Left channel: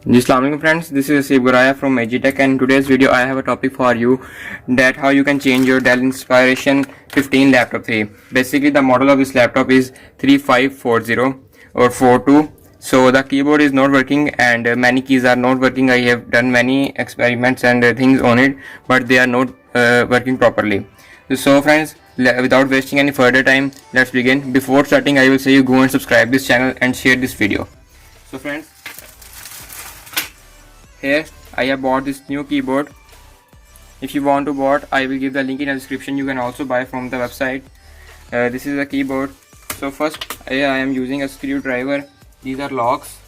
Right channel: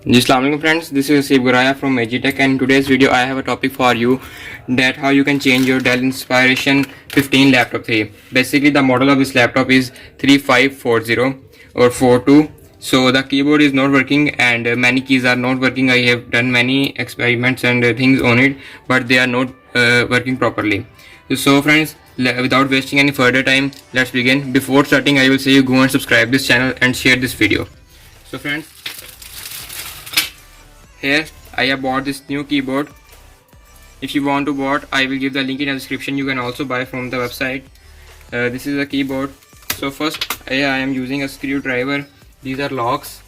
Assalamualaikum friends, this is Asif Guraya from Magitech, and in today's video I have a topic for you, that how you can change your Dell Inspiration 15 laptop 3. Basically the model of this laptop is 3540 or 42. So the keyboard is not working and many keys are not working. I have done many experiments and things on it, but they are not working properly. So friends, without wasting any further time, let's begin. Before starting, I will say you go and subscribe this channel and share this video. So friends, here I have bought this new keyboard. If you want to buy, I will give the link in the description. You can also buy from the website. This is a keyboard. So first I am using a screwdriver. These are locks.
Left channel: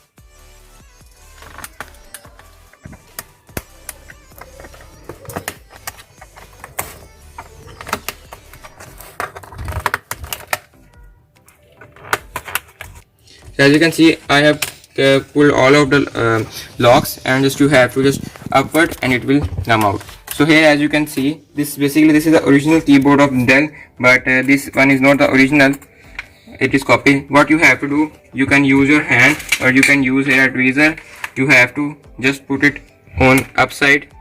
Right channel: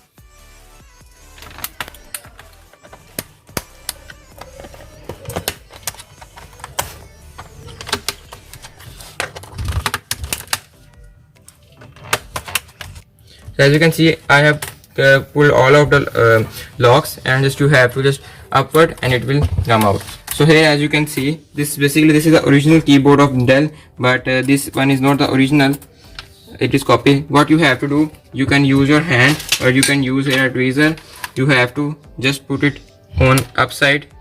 So as you can see, I have pull all of the locks, and just you have to just upward and it will come out. So here as you can see, this is the original keyboard of Dell, but this one is not the original, it is copy. What you have to do, you can use your hand or you can use here a tweezer. You have to just put it on upside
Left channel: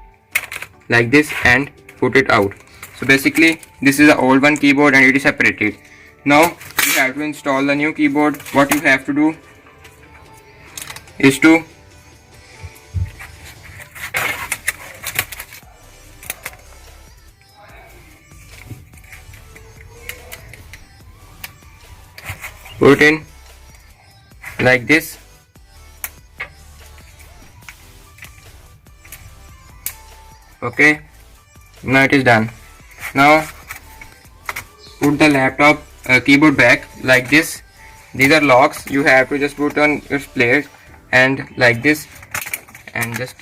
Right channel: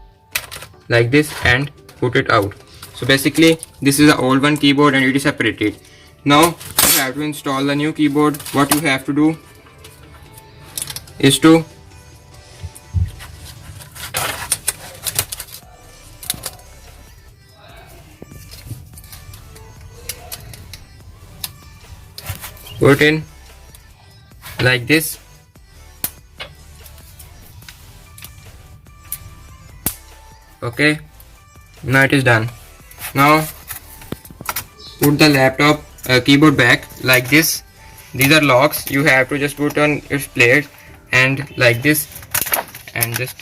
like this and put it out. So basically this is the old one keyboard and it is separated. Now you have to install the new keyboard. What you have to do is to put in like this. Okay, now it is done. Now put the laptop keyboard back like this. These are locks. You have to just put on its place and like this, and just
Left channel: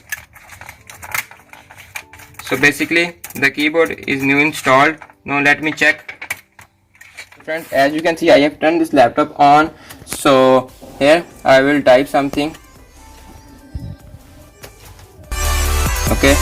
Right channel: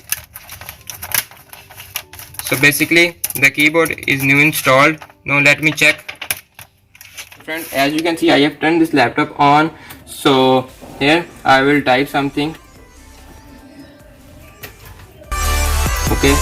so basically the keyboard is new installed. Now let me check. Friends, as you can see, I have turned this laptop on. So here I will type something. Okay,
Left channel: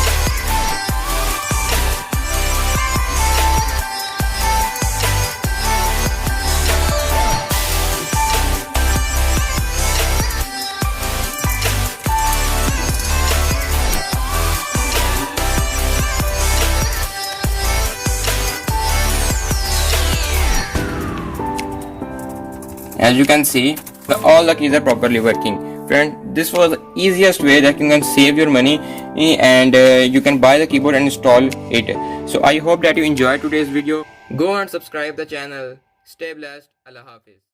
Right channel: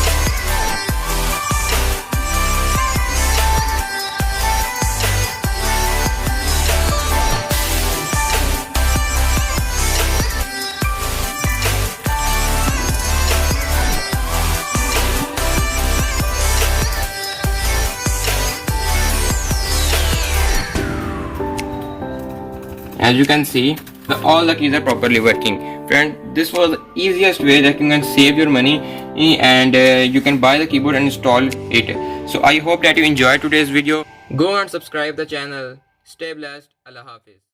as you can see, all the keys are properly working. Friend, this was the easiest way that you can save your money and you can buy the keyboard and install it. So I hope that you enjoyed today's video. Go and subscribe the channel. Stay blessed. Allah Hafiz.